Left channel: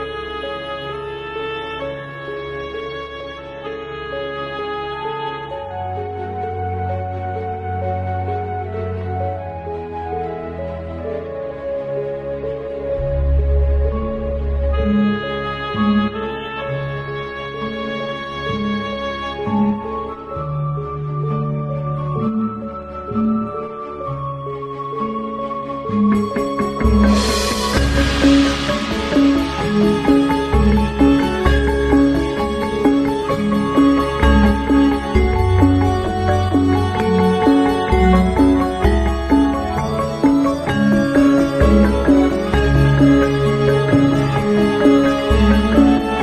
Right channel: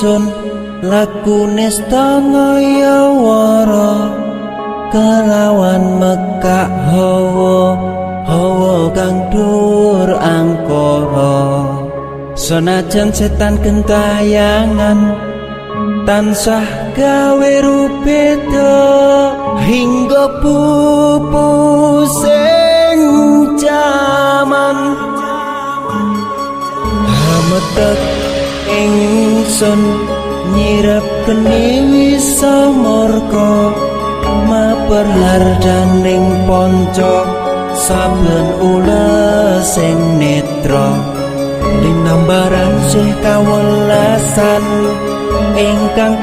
ingsun lakune stangaya wara kelawan mekak hawa kang dur angkara senajan setan gentayangan tansah gawe rupeda hingga pupu sing jaman ingsun nyirep keniwi samorko maperlar daning ponco sambil ula sing netra ing gambaran sing kawelasan ingkang